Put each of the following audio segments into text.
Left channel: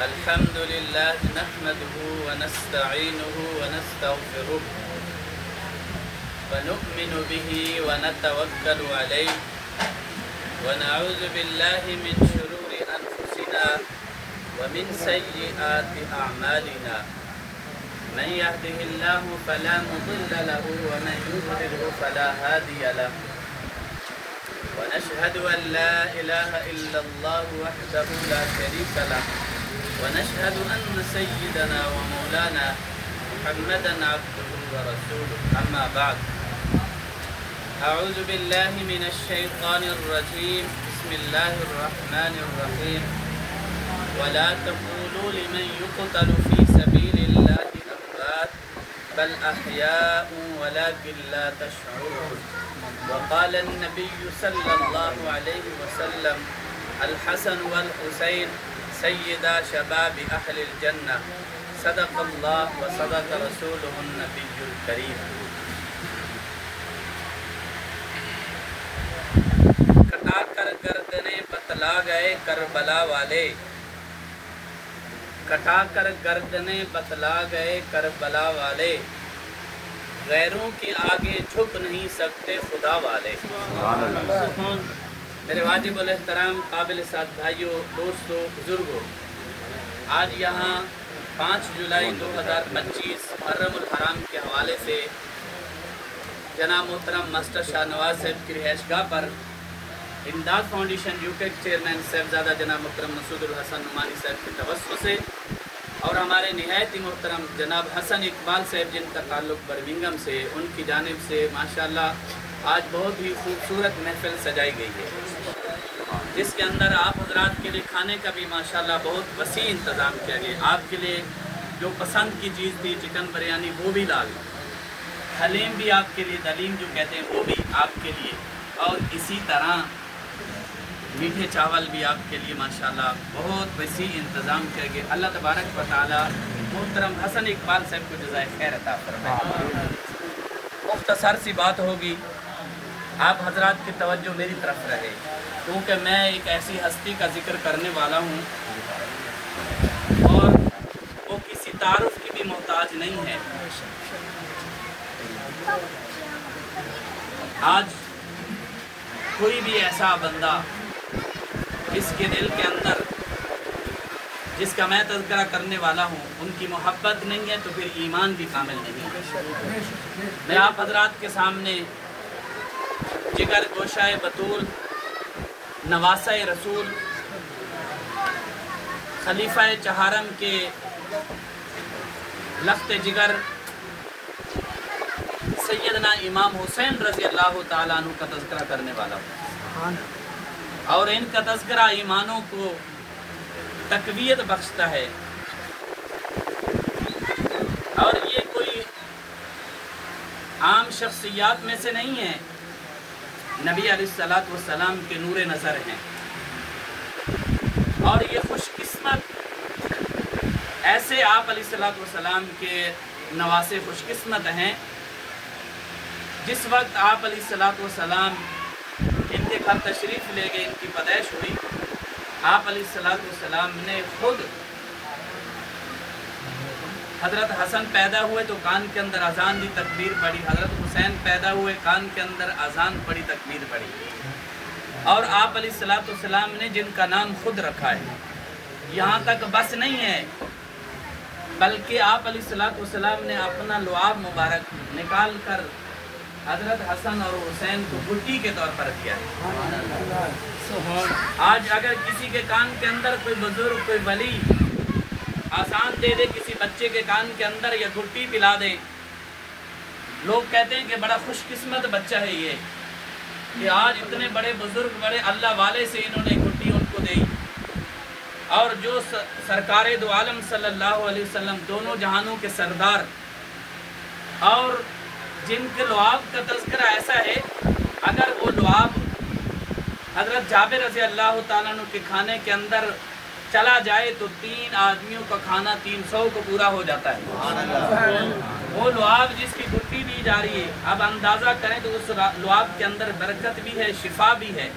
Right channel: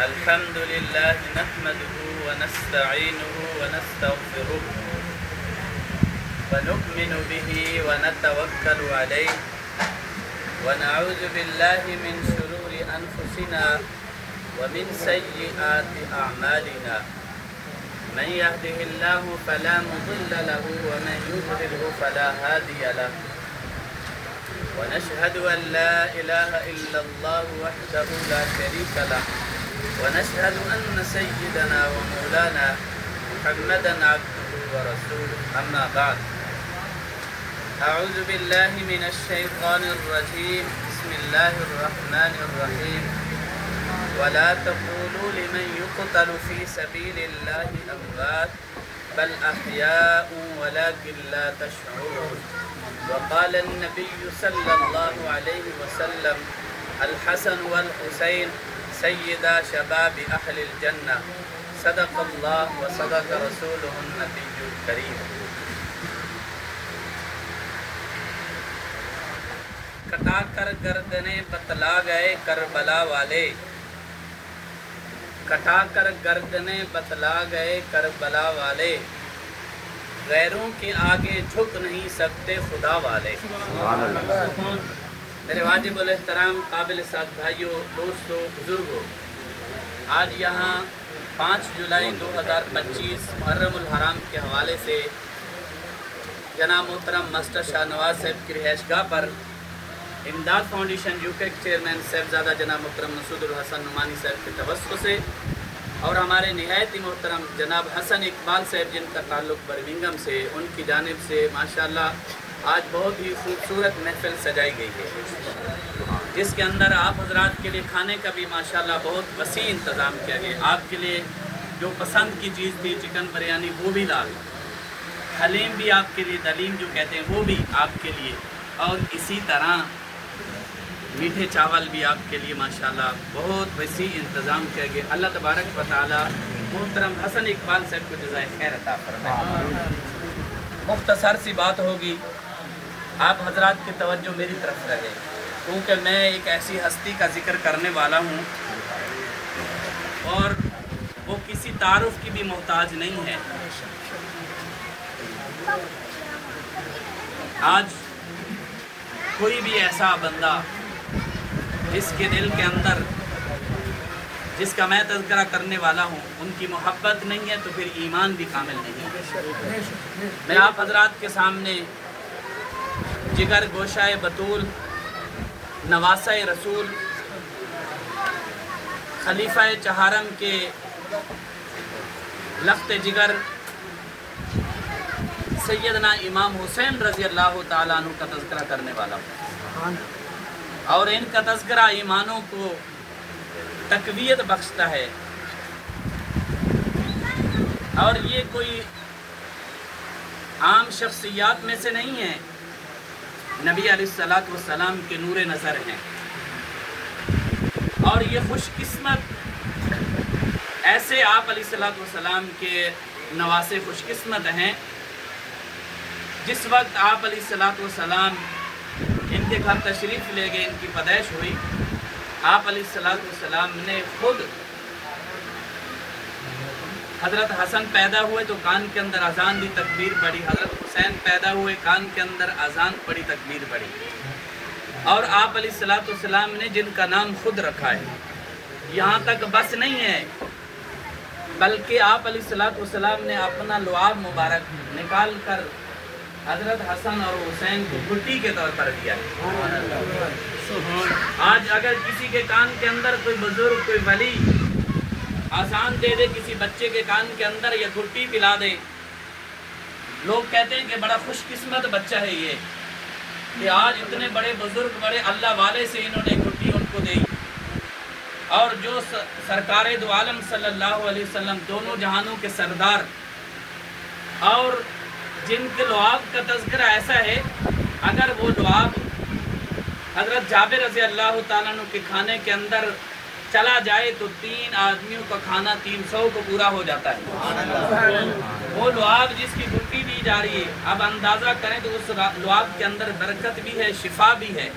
الحمد لله نحمده ونستعينه ونستغفره ونؤمن به ونتوكل عليه ونعوذ بالله من شرور أنفسنا ومن سيئات أعمالنا من يهده الله فلا مضل له ومن يضلله فلا هادي له ونشهد أن لا إله إلا الله وحده لا شريك له ونشهد أن سيدنا ومولانا محمدا عبده ورسوله أما بعد أعوذ بالله من الشيطان الرجيم بسم الله الرحمن الرحيم ولا تقولوا لمن يقتل في سبيل الله أموات بل أحياء ولكن لا تشعرون وقال النبي صلى الله عليه وسلم الحسن والحسين سيدا شباب أهل الجنة صدق الله وصدق رسوله النبي الكريم کٹا کر گردنیں بتلا گئے کربلا والے کٹا کر گردنیں بتلا گئے کربلا والے غیروں کے آگے جھک نہیں سکتے خدا والے میرے واجب الاحترام قابل ساتھ بھائیوں دوستوں بزرگوں آج یہاں 5 جولائی 2025 محرم الحرام کے حوالے سے جناب محترم ماسٹر شاہ نواز صاحب کی رہائش گاہ پر امداد فاؤنڈیشن یوکے کے چیئرمین صاحبزادہ جناب محترم مسعود الحسن نعمانی صاحب کے توسط سے اور ہمارے نہایت ہی محترم جناب حسن اقبال صاحب جن کا تعلق برمنگھم سے ان کی جانب سے ماشاءاللہ آج بہت ہی خوبصورت محفل سجائی گئی ہے جس کے اندر آپ حضرات کے لیے کھانے کا بھی ماشاءاللہ بہت وسیع انتظام کیا گیا آپ کے لیے جو پسند کی چیز تھی چکن بریانی وہ بھی دال حلیم بھی آپ کے لیے دلیم جو کہتے ہیں وہ بھی آپ کے لیے اور اسی طرح میٹھے چاول بھی آپ کے لیے ماشاءاللہ بہت وسیع انتظام کیا گیا اللہ تبارک و تعالی محترم حسن اقبال صاحب کو جزائے خیر عطا فرمائے مختصر سی بات ہوگی آپ حضرات کی توجہ میری طرف رہے کیونکہ میں ایک ایسی ہستی کا ذکر کرنے والا ہوں اور وہ کسی تعارف کی بھی محتاج نہیں ہے آج کوئی بھی ایسا بندہ جس کے دل کے اندر جس کا میں تذکرہ کرنے والا ہوں ان کی محبت نہیں ہے تو پھر ایمان بھی کامل نہیں ہے میں آپ حضرات کے سامنے جگر گوشہ بطول نواسہ رسول خلیفہ چہارم کے لخت جگر سیدنا امام حسین رضی اللہ تعالیٰ عنہ کا تذکرہ کرنے والا ہوں اور ان کا تذکرہ ایمانوں کو تقویت بخشتا ہے اور یہ کوئی عام شخصیات میں سے نہیں ہے نبی علیہ السلام کے نور نظر ہیں اور یہ خوش قسمت ایسے آپ علیہ السلام کے نواسے خوش قسمت ہیں جس وقت آپ علیہ السلام ان کے گھر تشریف لے گئے ان کی پیدائش ہوئی آپ علیہ السلام نے خود حضرت حسن پیدا ہوئے تو کان کے اندر اذان دی تکبیر پڑی حضرت حسین پیدا ہوئے کان کے اندر اذان پڑی تکبیر پڑی اور آپ علیہ السلام نے جن کا نام خود رکھا ہے یہاں تک بس نہیں ہے بلکہ آپ علیہ السلام نے اپنا لعاب مبارک نکال کر حضرت حسن اور حسین کو گھٹی کے طور پر دیا آج اگر کسی کے کان کے اندر کوئی بزرگ کوئی ولی آسان دے دے کسی بچے کے کان کے اندر یا گھٹی پلا دے لوگ کہتے ہیں کہ بڑا خوش قسمت بچہ ہے یہ کہ آج اتنے بڑے بزرگ بڑے اللہ والے سے انہوں نے گھٹی ان کو دی اور جو سرکار دو عالم صلی اللہ علیہ وسلم دونوں جہانوں کے سردار اور جن کے لعاب کا تذکرہ ایسا ہے اگر وہ لعاب حضرت جابر رضی اللہ تعالیٰ عنہ کے کھانے کے اندر चला जाए तो 3 आदमियों का खाना 300 को पूरा हो जाता है। वो लुआब जिसकी गुट्टी दी जा रही है, अब अंदाजा करें तो उस लुआब के अंदर बरकत भी है, शिफा भी है।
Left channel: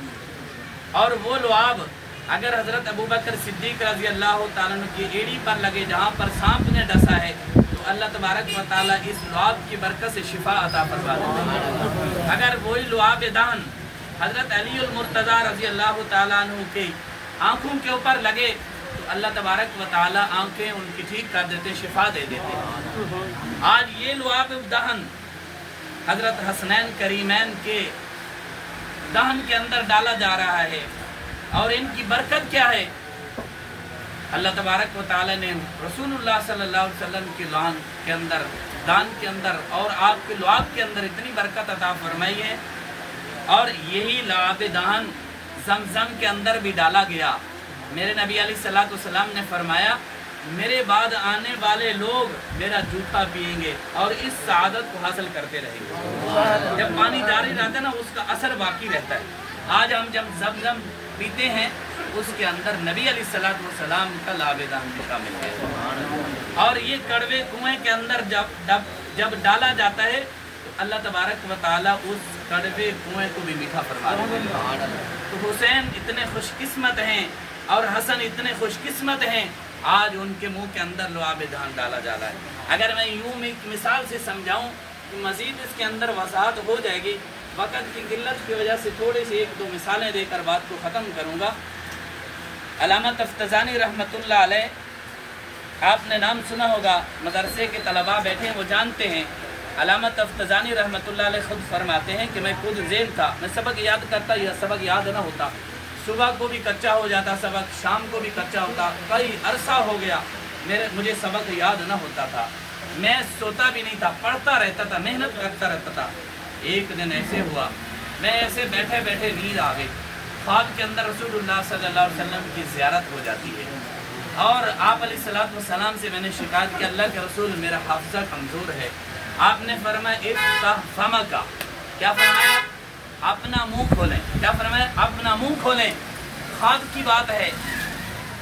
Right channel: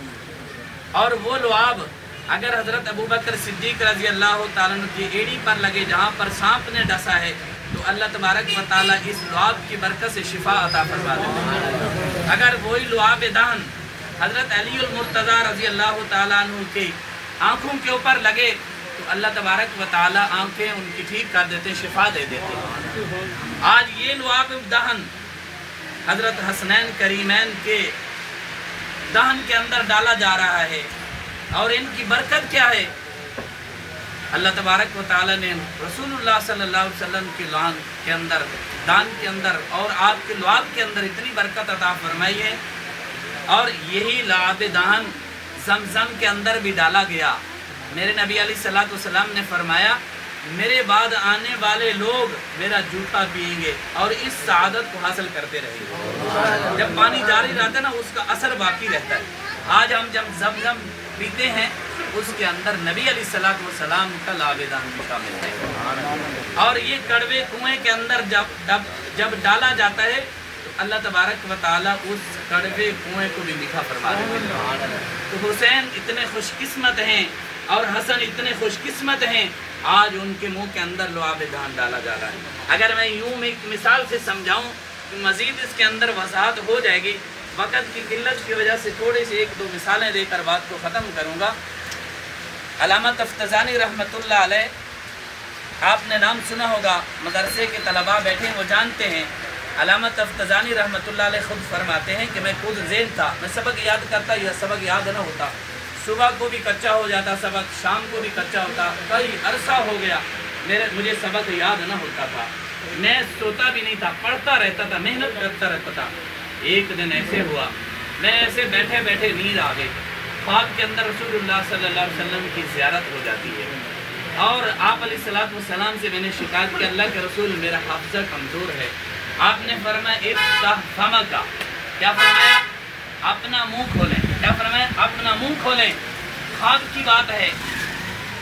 और वो लुआब अगर हजरत अबू बकर सिद्दीक रजी अल्लाह तआला अन्हु की एड़ी पर लगे जहाँ पर सांप ने डसा है, तो अल्लाह तबारक व तआला इस लुआब की बरकत से शिफा अता फरमा देते। अगर वही लुआब दान हजरत अली उल मुर्तज़ा रजी अल्लाह तआला अन्हु की आँखों के ऊपर लगे तो अल्लाह तबारक व तआला आँखें उनकी ठीक कर देते, शिफा दे देते। आज ये लुआब दहन हजरत हसनैन करीमैन के दहन के अंदर डाला जा रहा है और इनकी बरकत क्या है? अल्लाह तबारक व तआला ने रसूलुल्लाह सल्लल्लाहु अलैहि वसल्लम के लान के अंदर, दान के अंदर और आपके लुआब के अंदर इतनी बरकत अता फरमाई है। और यही लुआब दान ज़मज़म के अंदर भी डाला गया। मेरे नबी अलैहिस्सलातु वस्सलाम ने फरमाया, मेरे बाद आने वाले लोग मेरा जूठा पिएंगे और इस सआदत को हासिल करते रहेंगे। जब पानी जारी रहता है ना, उसका असर बाकी रहता है। आज हम जब ज़मज़म पीते हैं, उसके अंदर नबी अलैहिस्सलातु वस्सलाम का लुआब दान शामिल है। और ये कड़वे कुएं के अंदर जब डाला जाता है तो अल्लाह तबारक व तआला उस कड़वे कुएं को भी मीठा फरमा देते हैं। तो हुसैन इतने खुशकिस्मत हैं और हसन इतने खुशकिस्मत हैं, आज उनके मुंह के अंदर लुआब दान डाला जा रहा है। अगर मैं यूं एक मिसाल से समझाऊं तो मजीद इसके अंदर वसाहत हो जाएगी। वक़्त की किल्लत की वजह से थोड़ी सी 1-2 मिसालें देकर बात को ख़त्म करूँगा। अल्लामा तफ्ताज़ानी रहमतुल्लाह अलैह, आपने नाम सुना होगा, मदरसे के तलबा बैठे हैं वो जानते हैं। अल्लामा तफ्ताज़ानी रहमतुल्लाह अलैह खुद फरमाते हैं कि मैं खुद ज़ेन था, मैं सबक याद करता, यह सबक याद न होता, सुबह को भी कच्चा हो जाता सबक, शाम को भी कच्चा होता, कई अरसा हो गया मुझे सबक याद न होता था। मैं सोता भी नहीं था, पढ़ता रहता था, मेहनत करता रहता था। एक दिन ऐसे हुआ, मैं ऐसे बैठे बैठे नींद आ गई। ख्वाब के अंदर रसूलुल्लाह सल्लल्लाहु अलैहि वसल्लम की ज़ियारत हो जाती है और आप अलैहिस्सलातु वस्सलाम से मैंने शिकायत की, अल्लाह के रसूल मेरा हाफ़िज़ा कमज़ोर है। आपने फरमाया इफ्ताह फमका, क्या फरमाया? अपना मुंह खोलें। क्या फरमाया? अपना मुंह खोलें। ख्वाब की बात है।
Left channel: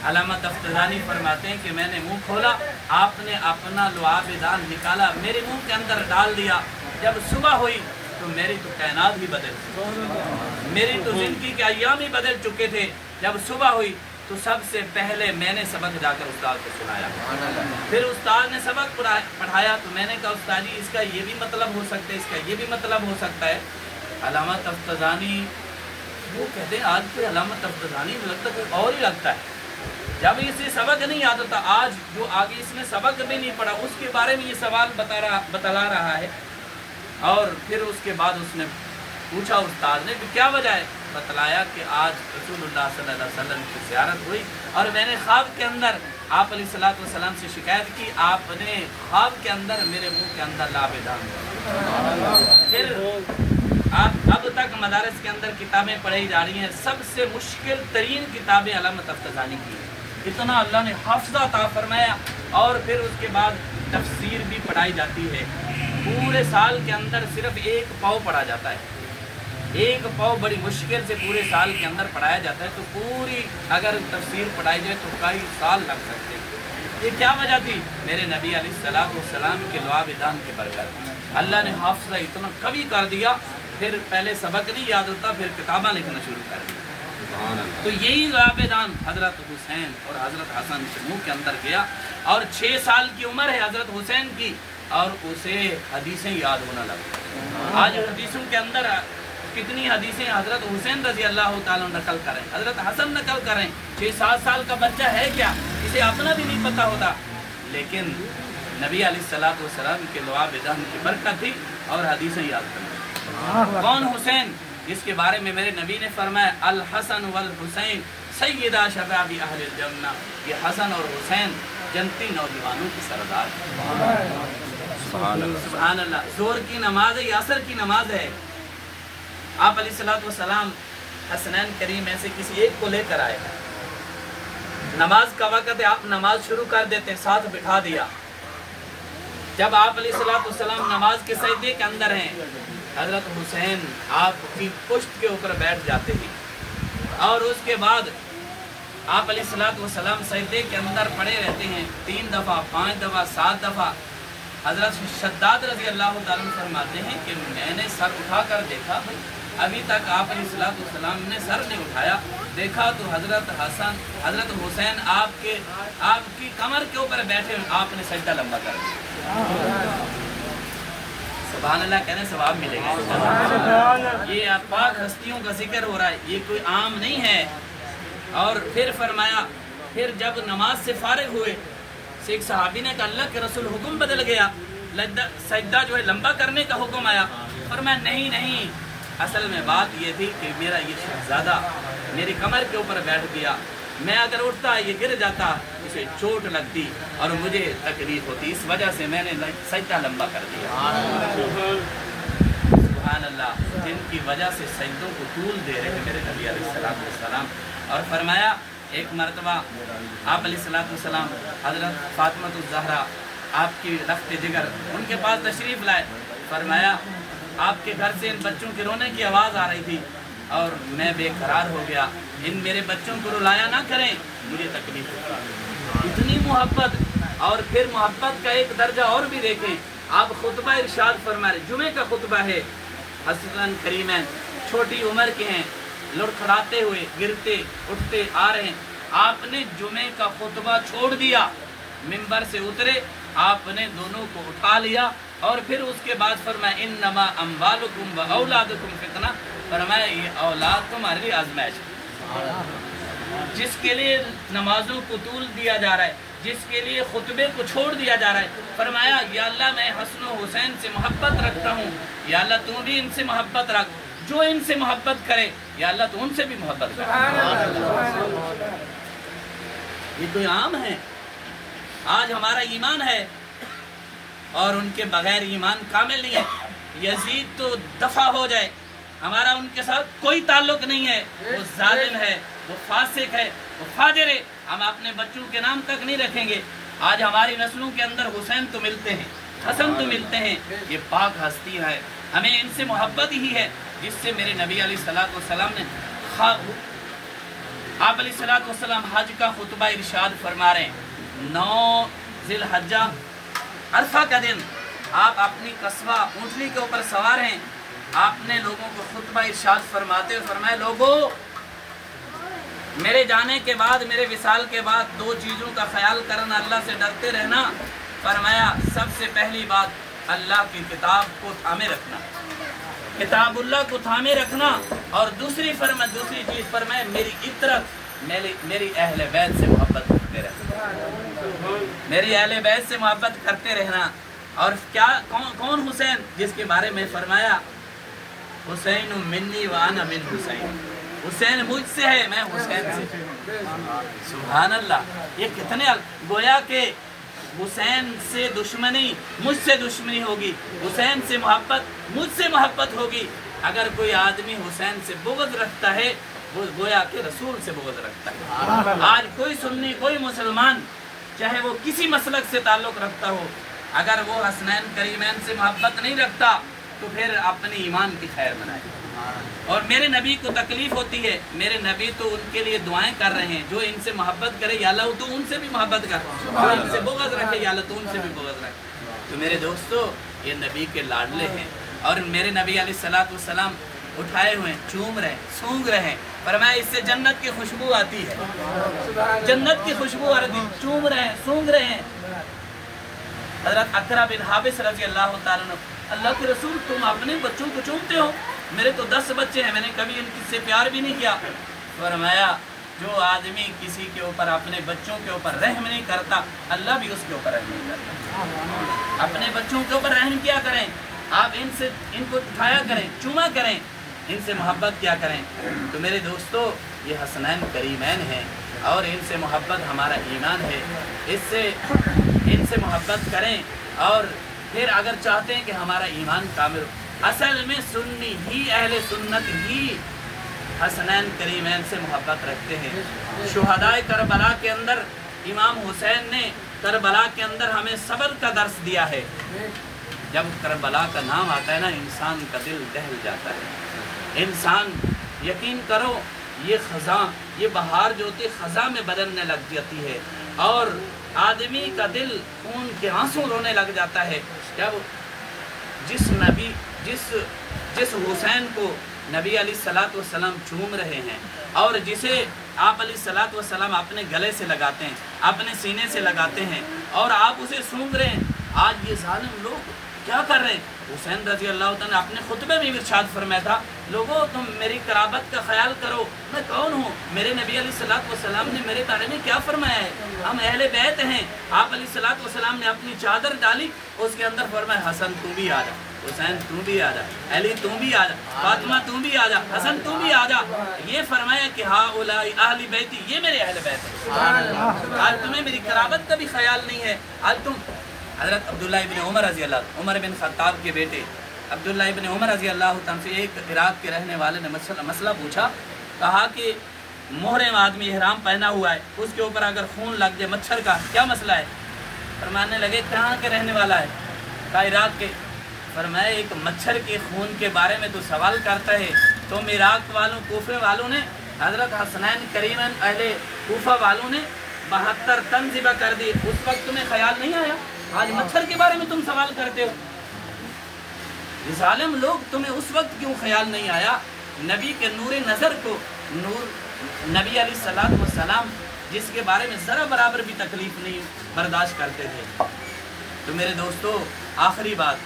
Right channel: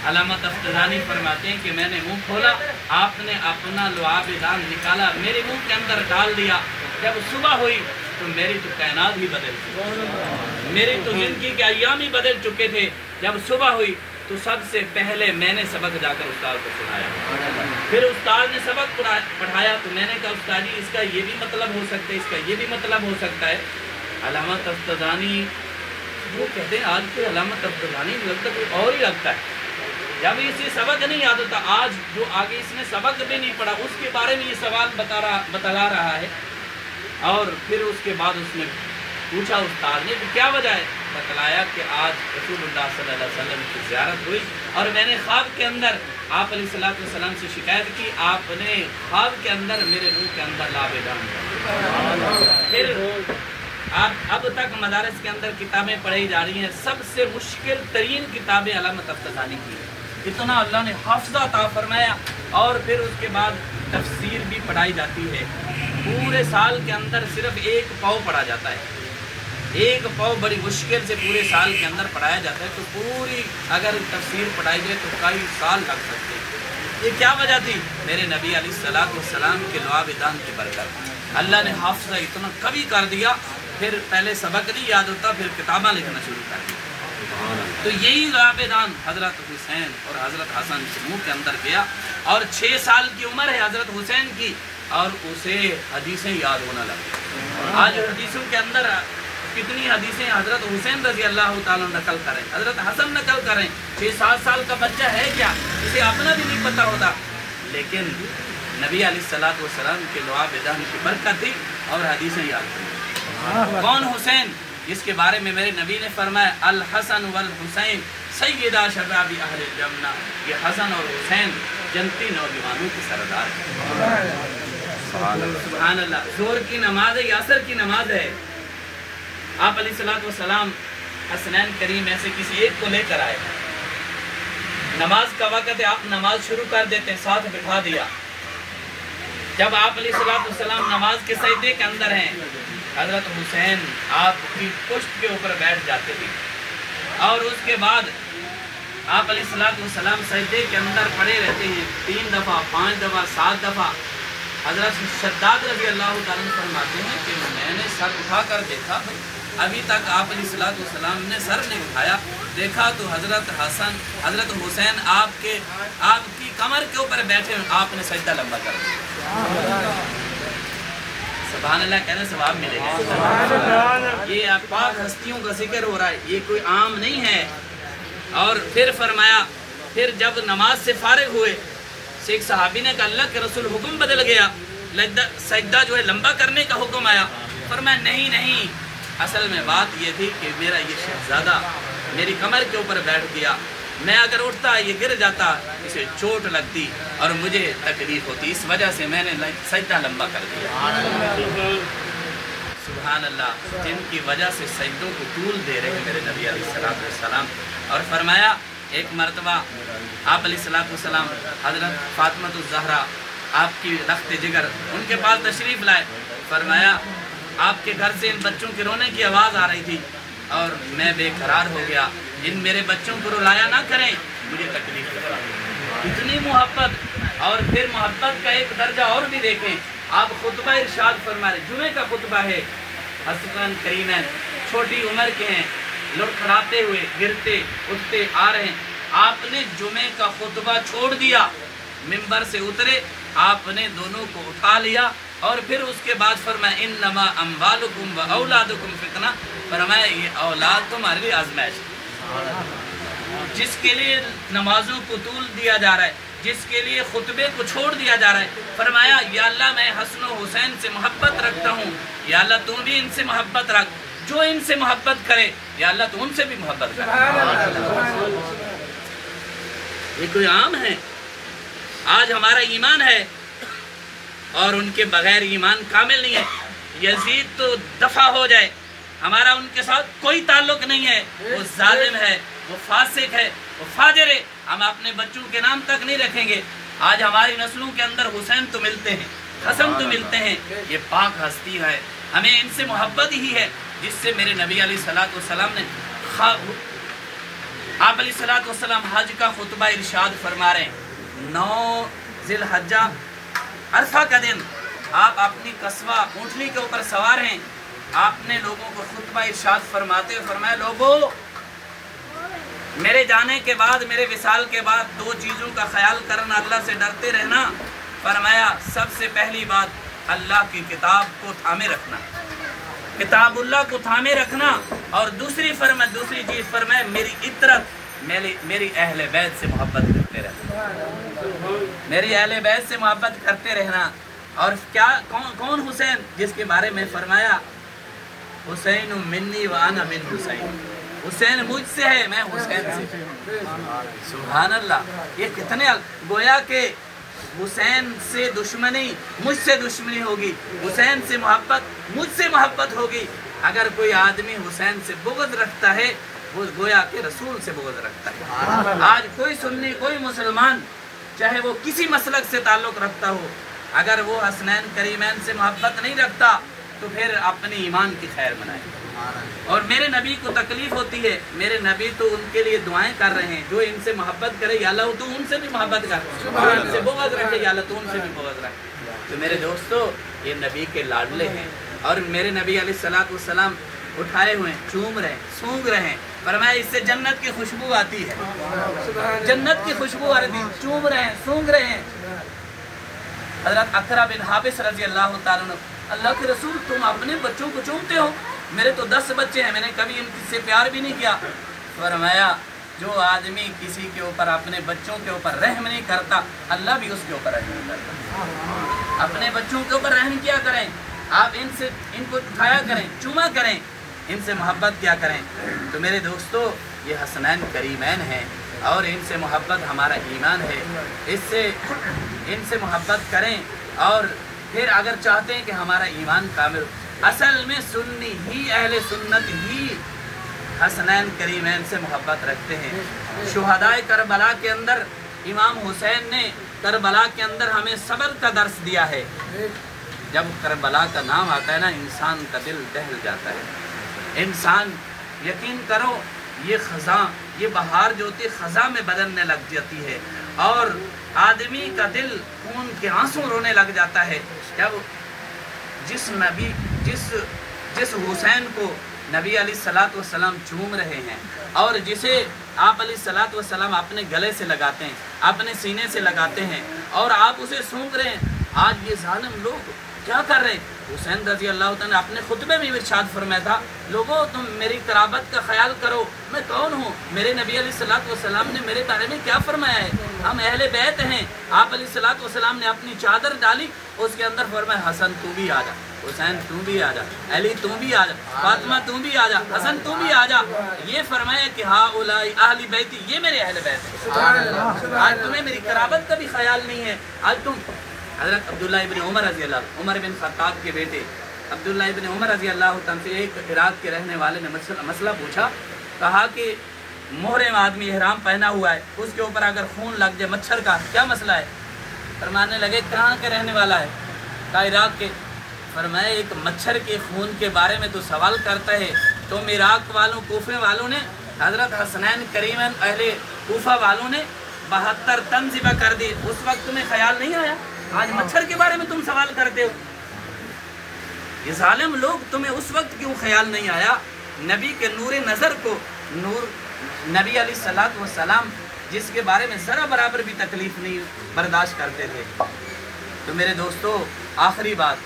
अल्लामा तफ्ताज़ानी फरमाते हैं कि मैंने मुंह खोला, आपने अपना लुआब दान निकाला, मेरे मुंह के अंदर डाल दिया। जब सुबह हुई तो मेरी तो कायनात ही बदल गई, मेरी तो जिंदगी के अय्याम ही बदल चुके थे। जब सुबह हुई तो सबसे पहले मैंने सबक जाकर उस्ताद को सुनाया। फिर उस्ताद ने सबक पढ़ाया तो मैंने कहा, उस्ताद जी इसका ये भी मतलब हो सकता है, इसका ये भी मतलब हो सकता है। अल्लामा तफ्ताज़ानी वो कहते हैं, आज कोई अल्लामा तफ्ताज़ानी लगता कोई और ही लगता है। जब इसे सबक नहीं याद होता, आज जो आगे इसने सबक भी नहीं पढ़ा उसके बारे में ये सवाल बतला रहा है। और फिर उसके बाद उसने पूछा उस्ताद ने कि क्या वजह है? बतलाया कि आज रसूलुल्लाह सल्लल्लाहु अलैहि वसल्लम की ज़ियारत हुई और मैंने ख्वाब के अंदर आप अलैहिस्सलातु वस्सलाम से शिकायत की, आपने ख्वाब के अंदर मेरे मुंह के अंदर लुआब दान। फिर अब तक मदारस के अंदर किताबें पढ़ाई जा रही हैं, सबसे मुश्किल तरीन किताबें अल्लामा तफ्ताज़ानी की है। इतना अल्लाह ने हाफ़िज़ा अता फरमाया। और फिर उसके बाद तफसीर भी पढ़ाई जाती है। पूरे साल के अंदर सिर्फ 1 पाव पढ़ा जाता है। 1 पाव बड़ी मुश्किल से पूरे साल के अंदर पढ़ाया जाता है। तो पूरी अगर तफसीर पढ़ाई जाए तो कई साल लग सकते हैं। ये क्या वजह थी? मेरे नबी अलैहिस्सलातु वस्सलाम के लुआब दान की बरकत। अल्लाह ने हाफ़िज़ा इतना कभी कर दिया, फिर पहले सबक नहीं याद होता, फिर किताबें लिखना शुरू कर दी। तो यही लुआब दान हज़रत हुसैन और हज़रत हसन के मुँह के अंदर गया। और 6 साल की उम्र है हज़रत हुसैन की और उसे हदीसें याद होना लगी। आज हदीसों के अंदर कितनी हदीसें हज़रत हुसैन रज़ी अल्लाह ताला नकल करें, हज़रत हसन नकल करें। 6-7 साल का बच्चा है क्या, इसे अपना भी नहीं पता होता। लेकिन नबी अलैहिस्सलातु वस्सलाम के लुआब दान की बरकत थी और हदीसें याद करना। कौन हुसैन? जिसके बारे में मेरे नबी ने फरमाया, अल हसन वल हुसैन सय्यदा शबाबी अहलिल जन्नह। ये हसन और हुसैन जन्नती नौजवानों की सरदार है। सुभान अल्लाह। जोर की नमाज है, असर की नमाज है। आप अलैहिस्सलातु वस्सलाम हसनैन करीम में से किसी एक को लेकर आए, नमाज का वक़्त है, आप नमाज शुरू कर देते, साथ बिठा दिया। जब आप अलैहिस्सलातु वस्सलाम नमाज के सजदे के अंदर हैं, हज़रत हुसैन आपकी पुश्त के ऊपर बैठ जाते हैं और उसके बाद आप अलैहिस्सलाम सजदे के अंदर पड़े रहते हैं 3 दफ़ा, 5 दफ़ा, 7 दफ़ा। हज़रत शद्दाद रज़ी अल्लाह ताला अन्हु फरमाते हैं कि मैंने सर उठा कर देखा, भाई अभी तक आप अलैहिस्सलाम ने सर नहीं उठाया। देखा तो हज़रत हुसैन आपकी कमर के ऊपर बैठे, आपने सजदा लंबा कर दिया। सुभान अल्लाह कहने से सवाब मिलेगा। ये आप पाक हस्तियों का जिक्र हो रहा है, ये कोई आम नहीं है। और फिर फरमाया, फिर जब नमाज से फारिग हुए, एक सहाबी ने कहा अल्लाह के रसूल हुक्म बदल गया, सजदा जो है लंबा करने का हुक्म आया। फरमाया नहीं, असल में बात ये थी कि मेरा ये शहजादा मेरी कमर के ऊपर बैठ गया, मैं अगर उठता ये गिर जाता, इसे चोट लगती और मुझे तकलीफ होती, इस वजह से मैंने सजदा लंबा कर दिया। सुभान अल्लाह, जिनकी वजह से सजदों को तूल दे रहे हैं मेरे नबी अलैहिस्सलाम। और फरमाया एक मरतबा आप अलैहिस्सलाम हज़रत फातिमा ज़हरा आपकी रख्त जिगर उनके पास तशरीफ़ लाए। फरमाया आपके घर से इन बच्चों के रोने की आवाज़ आ रही थी और मैं बेकरार हो गया, इन मेरे बच्चों को रुलाया ना करें, मुझे तकलीफ है। इतनी मोहब्बत। और फिर मोहब्बत का एक दर्जा और भी देखें, आप खुतबा इरशाद फरमा रहे, जुमे का खुतबा है, हसन करीमैन छोटी उम्र के हैं, लड़खड़ाते हुए गिरते उठते आ रहे हैं, आपने जुमे का खुतबा छोड़ दिया, मिंबर से उतरे, आपने दोनों को उठा लिया और फिर उसके बाद फरमाया इन्नमा अम्वालुकुम व औलादुकुम फितना, फरमाया ये औलाद तुम्हारे लिए आजमाइश, जिसके लिए नमाजों को तूल दिया जा रहा है, जिसके लिए खुतबे को छोड़ दिया जा रहा है। फरमाया या अल्लाह मैं हसन व हुसैन से मोहब्बत रखता हूँ, या अल्लाह तू भी इनसे मोहब्बत रख, जो इनसे मोहब्बत करे या अल्लाह तू उनसे भी मोहब्बत करे। ये कोई आम है? आज हमारा ईमान है और उनके बगैर ईमान कामिल नहीं है। यजीद तो दफा हो जाए, हमारा उनके साथ कोई ताल्लुक नहीं है, वो जालिम है, वो फासिक है, वो फाजिर है, हम अपने बच्चों के नाम तक नहीं रखेंगे। आज हमारी नस्लों के अंदर हुसैन तो मिलते हैं, हसन तो मिलते हैं, ये पाक हस्ती है, हमें इनसे मोहब्बत ही है जिससे मेरे नबी अलैहिस्सलाम ने आप अलैहिस्सलाम हज का खुतबा इरशाद फरमा रहे हैं। 9 ज़िलहज्जा अरफा का दिन आप अपनी कस्बा ऊँटनी के ऊपर सवार हैं, आपने लोगों को खुतबा इरशाद फरमाते हुए फरमाया, लोगों मेरे जाने के बाद, मेरे विसाल के बाद 2 चीज़ों का ख्याल करना, अल्लाह से डरते रहना। फरमाया सबसे पहली बात अल्लाह की किताब को थामे रखना, किताबुल्लाह को थामे रखना, और दूसरी चीज़ फरमाया मेरी इतरत, मेरी अहले बैत से मोहब्बत करते रहना, मेरी अहले बैत से मोहब्बत करते रहना। और क्या कौन हुसैन? जिसके बारे में फरमाया हुसैन मिन्नी व अना मिन हुसैन, हुसैन मुझसे है, मैं हुसैन से। सुभान अल्लाह, ये कितने गोया के हुसैन से दुश्मनी मुझसे दुश्मनी होगी, हुसैन से मोहब्बत मुझसे मोहब्बत होगी। अगर कोई आदमी हुसैन से बुग़्ज़ रखता है, वो गोया के रसूल से बुग़्ज़ रखता है। आज कोई सुन्नी, कोई मुसलमान, चाहे वो किसी मसलक से ताल्लुक़ रखता हो, अगर वो हसनैन करीमैन से मोहब्बत नहीं रखता तो फिर अपने ईमान की खैर मनाए। और मेरे नबी को तकलीफ होती है, मेरे नबी तो उनके लिए दुआएं कर रहे हैं, जो इनसे मोहब्बत करे या अल्लाह तो उनसे भी मोहब्बत कर, उनसे बुग़्ज़ रखे या अल्लाह तो उनसे भी बुग़्ज़ रखे। तो मेरे दोस्तों, ये नबी के लाडले हैं और मेरे नबी अलैहिस्सलाम उठाए हुए चूम रहे, सूंघ रहे, फरमाया इससे जन्नत की खुशबू आती है, जन्नत की खुशबू आती है, चूम रहे हैं, सूंघ रहे हैं। हज़रत अक़रा बिन हाबिस रज़ी अल्लाह ताला अन्हु, अल्लाह के रसूल तुम अपने बच्चों को चूमते हो, मेरे तो 10 बच्चे हैं, मैंने कभी इनसे प्यार भी नहीं किया। फरमाया जो आदमी किसी के ऊपर, अपने बच्चों के ऊपर रहम नहीं करता, अल्लाह भी उसके ऊपर रहम नहीं करता। अपने बच्चों के ऊपर रहम किया करें, आप इनको उठाया करें, चूमा करें, इनसे मोहब्बत किया करें। तो मेरे दोस्तों, ये हसनैन करीमैन हैं और इनसे मोहब्बत हमारा ईमान है, इनसे मोहब्बत करें। और फिर अगर चाहते हैं कि हमारा ईमान कामिल, असल में सुन्नी ही, अहले सुन्नत ही हसनैन करीमैन से मोहब्बत रखते हैं। शुहदाए करबला के अंदर इमाम हुसैन ने करबला के अंदर हमें सब्र का दर्स दिया है। जब करबला का नाम आता है ना, इंसान का दिल दहल जाता है। इंसान, यकीन करो, یہ خزاں، یہ بہار جو ہوتی ہے خزاں میں بدلنے لگ جاتی ہے اور آدمی کا دل خون کے آنسو رونے لگ جاتا ہے. کیا وہ جس حسین کو نبی علیہ الصلوۃ والسلام چوم رہے ہیں اور جسے آپ علیہ الصلوۃ والسلام اپنے گلے سے لگاتے ہیں، اپنے سینے سے لگاتے ہیں اور آپ اسے سونگ رہے ہیں. آج یہ ظالم لوگ کیا کر رہے ہیں؟ حسین رضی اللہ تعالیٰ نے اپنے خطبے میں ارشاد فرمایا تھا، لوگوں تم میری قرابت کا خیال کرو، میں کون ہوں؟ میرے نبی علیہ الصلوۃ والسلام نے میرے بارے میں کیا فرمایا ہے؟ ہم اہل بیت ہیں. آپ علیہ الصلوۃ والسلام نے اپنی چادر ڈالی، اس کے اندر فرمایا حسن تو بھی آ جا، حسین تو بھی آ جا، علی تو بھی آ جا، فاطمہ تو بھی آ جا، حسن تو بھی آ جا. یہ فرمایا کہ ہاں اولائی اہل بیتی، یہ میرے اہل بیت ہیں. آج تمہیں میری قرابت کا بھی خیال نہیں ہے. آج تم حضرت عبداللہ ابن عمر رضی اللہ، عمر بن خطاب کے بیٹے عبداللہ ابن عمر رضی اللہ عنہ سے ایک عراق کے رہنے والے نے مسئلہ پوچھا. کہا کہ محرم آدمی احرام پہنا ہوا ہے، اس کے اوپر اگر خون لگ جائے مچھر کا، کیا مسئلہ ہے؟ فرمانے لگے کہاں کے رہنے والا ہے؟ کہا عراق کے. فرمایا ایک مچھر کے خون کے بارے میں تو سوال کرتا ہے. تم عراق والوں، کوفے والوں نے، حضرت حسنین کریمین اہل کوفہ والوں نے 72 تن ذبح کر دی، اس وقت تمہیں خیال نہیں آیا؟ آج مچھر کے بارے میں تم سوال کرتے ہو. یہ ظالم لوگ، تمہیں اس وقت کیوں خیال نہیں آیا؟ نبی کے نور نظر کو، نبی علیہ الصلوۃ والسلام جس کے بارے میں ذرا برابر بھی تکلیف نہیں برداشت کرتے تھے. تو میرے دوستو، آخری بات،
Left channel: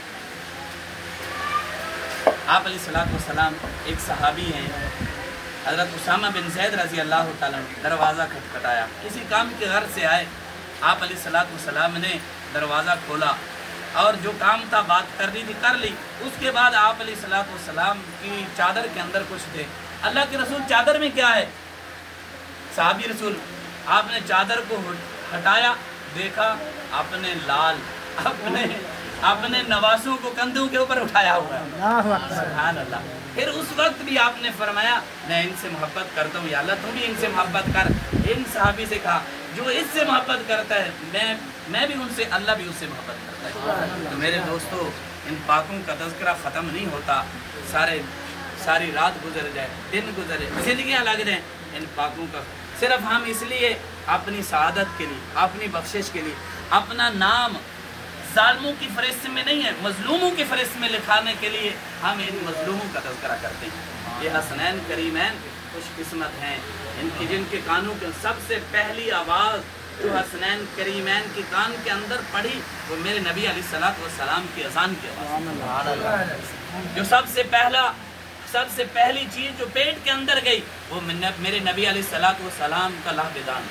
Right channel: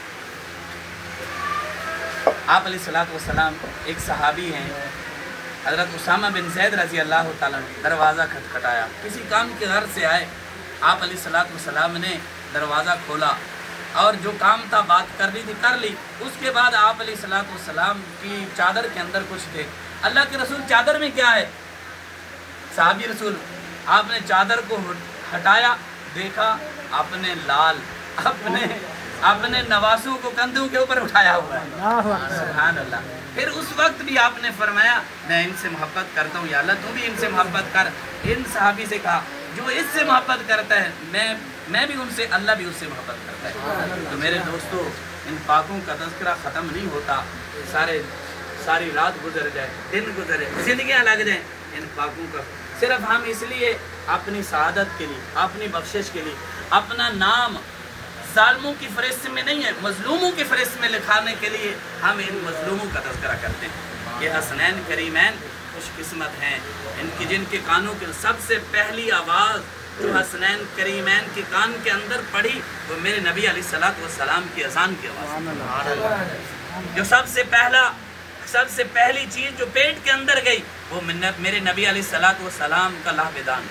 آپ علیہ الصلوۃ والسلام ایک صحابی ہیں حضرت اسامہ بن زید رضی اللہ تعالیٰ عنہ، دروازہ کھٹکھٹایا، کسی کام کے غرض سے آئے. آپ علیہ الصلوۃ والسلام نے دروازہ کھولا اور جو کام تھا، بات کرنی تھی کر لی. اس کے بعد آپ علیہ الصلوۃ والسلام کی چادر کے اندر کچھ تھے. اللہ کے رسول چادر میں کیا ہے؟ صحابی رسول، آپ نے چادر کو ہٹایا، دیکھا اپنے لال، اپنے نواسوں کو کندھوں کے اوپر اٹھایا ہوا ہے. سبحان اللہ. پھر اس وقت بھی آپ نے فرمایا میں ان سے محبت کرتا ہوں، یا اللہ تم بھی ان سے محبت کر. ان صحابی سے کہا جو اس سے محبت کرتا ہے میں بھی ان سے، اللہ بھی اس سے محبت کرتا ہے. تو میرے دوستو، ان پاکوں کا تذکرہ ختم نہیں ہوتا. ساری رات گزر جائے، دن گزرے، زندگیاں لگ جائیں، ان پاکوں کا صرف ہم اس لیے اپنی سعادت کے لیے، اپنی بخشش کے لیے، اپنا نام ظالموں کی فہرست میں نہیں ہے، مظلوموں کی فہرست میں لکھانے کے لیے ہم ان مظلوموں کا تذکرہ کرتے ہیں. یہ حسنین کریمین خوش قسمت ہیں، ان کی جن کے کانوں کے سب سے پہلی آواز جو حسنین کریمین کے کان کے اندر پڑی وہ میرے نبی علیہ الصلوۃ والسلام کی اذان کی آواز. جو سب سے پہلی چیز جو پیٹ کے اندر گئی وہ میرے نبی علیہ الصلوۃ والسلام کا لہبدان.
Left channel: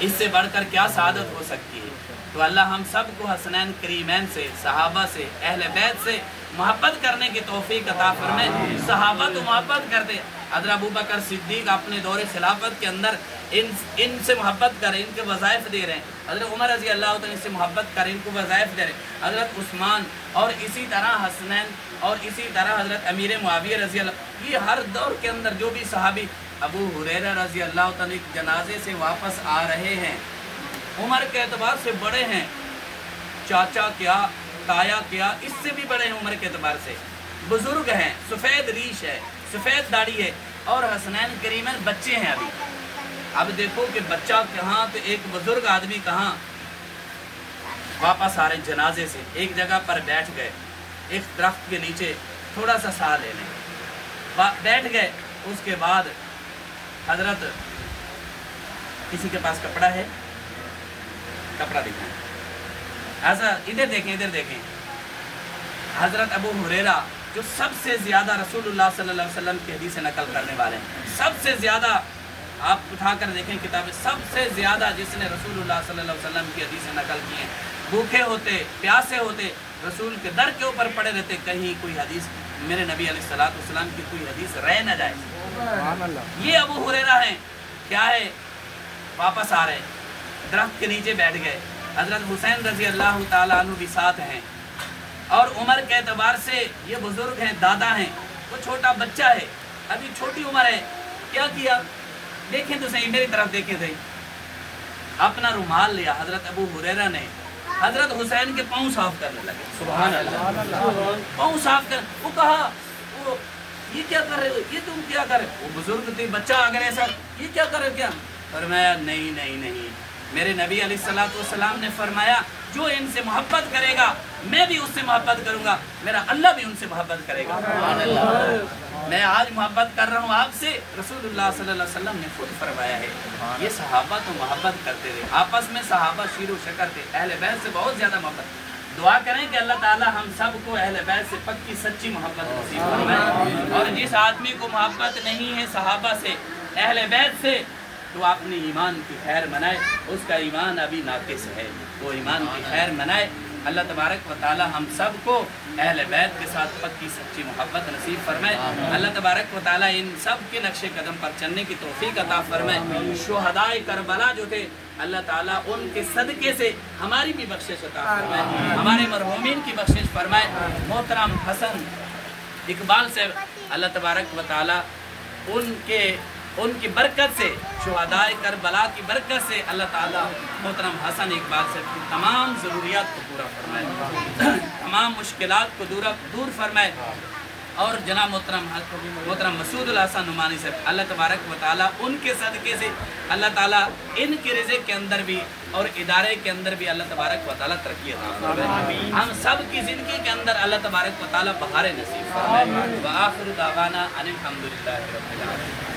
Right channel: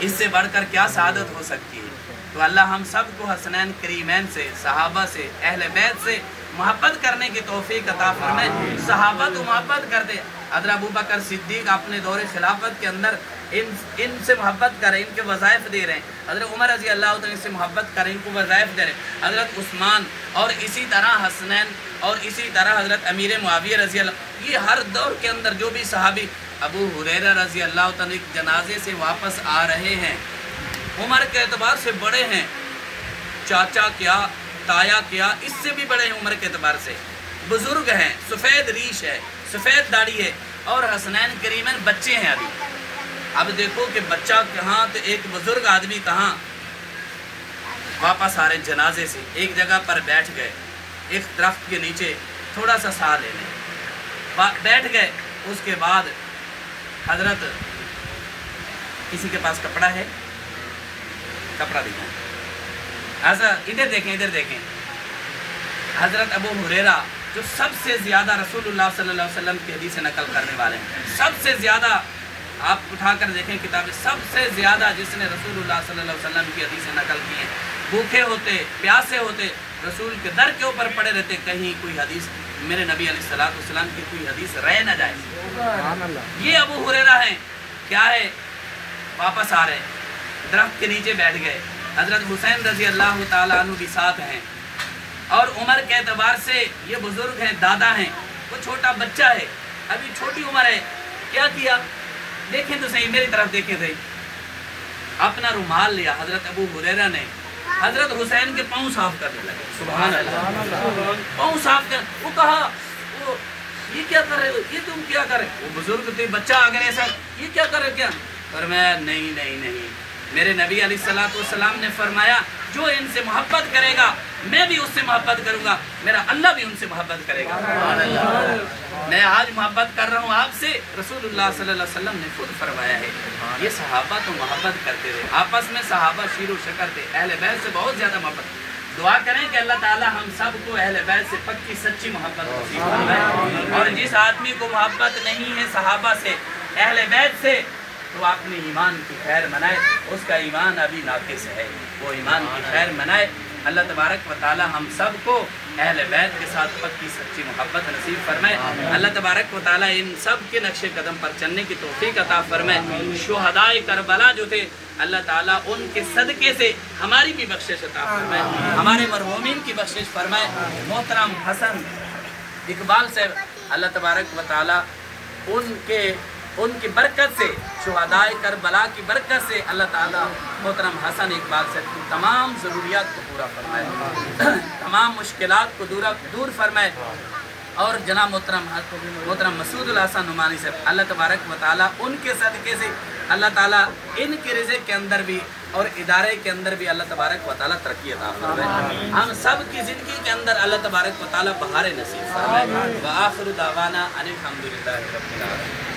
اس سے بڑھ کر کیا سعادت ہو سکتی ہے؟ تو اللہ ہم سب کو حسنین کریمین سے، صحابہ سے، اہل بیت سے محبت کرنے کی توفیق عطا فرمائے. صحابہ تو محبت کرتے، حضرت ابوبکر صدیق اپنے دور خلافت کے اندر ان سے محبت کر رہے ہیں، ان کے وظائف دے رہے ہیں. حضرت عمر رضی اللہ تعالیٰ سے محبت کر رہے ہیں، ان کو وظائف دے رہے ہیں. حضرت عثمان اور اسی طرح حسنین اور اسی طرح حضرت امیر معاویہ رضی اللہ، یہ ہر دور کے اندر جو بھی صحابی، ابو ہریرہ رضی اللہ تعالیٰ جنازے سے واپس آ رہے ہیں، عمر کے اعتبار سے بڑے ہیں، چاچا کیا، تایا کیا، اس سے بھی بڑے ہیں عمر کے اعتبار سے، بزرگ ہیں، سفید ریش ہے، سفید داڑھی ہے، اور حسنین کریمین بچے ہیں ابھی. اب دیکھو کہ بچہ کہاں تو ایک بزرگ آدمی کہاں. واپس آ رہے جنازے سے، ایک جگہ پر بیٹھ گئے، ایک درخت کے نیچے تھوڑا سا سا لینے بیٹھ گئے. اس کے بعد حضرت، کسی کے پاس کپڑا ہے؟ کپڑا دکھائیں. حضرت ادھر دیکھیں. حضرت ابو ہریرہ جو سب سے زیادہ رسول اللہ صلی اللہ علیہ وسلم کی حدیث نقل کرنے والے ہیں، سب سے زیادہ، آپ اٹھا کر دیکھیں کتابیں، سب سے زیادہ جس نے رسول اللہ صلی اللہ علیہ وسلم کی حدیث نقل کی ہیں، بھوکے ہوتے، پیاسے ہوتے، رسول کے در کے اوپر پڑے رہتے، کہیں کوئی حدیث میرے نبی علیہ الصلوۃ والسلام کی کوئی حدیث رہ نہ جائے. یہ ابو ہریرہ ہیں. کیا ہے؟ واپس آ رہے، درخت کے نیچے بیٹھ گئے. حضرت حسین رضی اللہ تعالیٰ عنہ بھی ساتھ ہیں، اور عمر کے اعتبار سے یہ بزرگ ہیں، دادا ہیں، وہ چھوٹا بچہ ہے، ابھی چھوٹی عمر ہے. کیا کیا؟ دیکھیں تو صحیح، میری طرف دیکھیں صحیح. اپنا رومال لیا حضرت ابو ہریرہ نے، حضرت حسین کے پاؤں صاف کرنے لگے. سبحان اللہ. پاؤں صاف کر، وہ کہا، وہ یہ کیا کر رہے ہو، یہ تم کیا کر رہے ہو؟ وہ بزرگ تھے، بچہ اگر ایسا یہ کیا کر رہے کیا؟ فرمایا نہیں نہیں نہیں، میرے نبی علیہ الصلوۃ والسلام نے فرمایا جو ان سے محبت کرے گا میں بھی اس سے محبت کروں گا، میرا اللہ بھی ان سے محبت کرے گا۔ میں آج محبت کر رہا ہوں آپ سے، رسول اللہ صلی اللہ علیہ وسلم نے خود فرمایا ہے۔ یہ صحابہ تو محبت کرتے تھے، آپس میں صحابہ شیر و شکر تھے، اہل بیت سے بہت زیادہ محبت۔ دعا کریں کہ اللہ تعالی ہم سب کو اہل بیت سے پکی سچی محبت نصیب فرمائے، اور جس آدمی کو محبت نہیں ہے صحابہ سے، اہل بیت سے، وہ اپنے ایمان کی خیر منائے، اس کا ایمان ابھی ناقص ہے، وہ ایمان کی خیر منائے۔ اللہ تبارک و تعالی ہم سب کو اہل بیت کے ساتھ پکی سچی محبت نصیب فرمائے۔ اللہ تبارک و تعالی ان سب کے نقش قدم پر چلنے کی توفیق عطا فرمائے۔ شہدائے کربلا جو تھے اللہ تعالیٰ ان کے صدقے سے ہماری بھی بخشش عطا فرمائے، ہمارے مرحومین کی بخشش فرمائے۔ محترم حسن اقبال صاحب اللہ تبارک و تعالیٰ ان کی برکت سے، شہدائے کربلا کی برکت سے اللہ تعالیٰ محترم حسن اقبال صاحب کی تمام ضروریات کو پورا فرمائے، تمام مشکلات کو دور فرمائے، اور جناب محترم مسعود الحسن نعمانی صاحب اللہ تبارک و تعالیٰ ان کے صدقے سے اللہ تعالیٰ ان کے رزق کے اندر بھی اور ادارے کے اندر بھی اللہ تبارک و تعالیٰ ترقی عطا فرمائے، ہم سب کی زندگی کے اندر اللہ تبارک و تعالیٰ بہار نصیب فرمائے۔ وآخر دعوانا ان الحمدللہ رب العالمین۔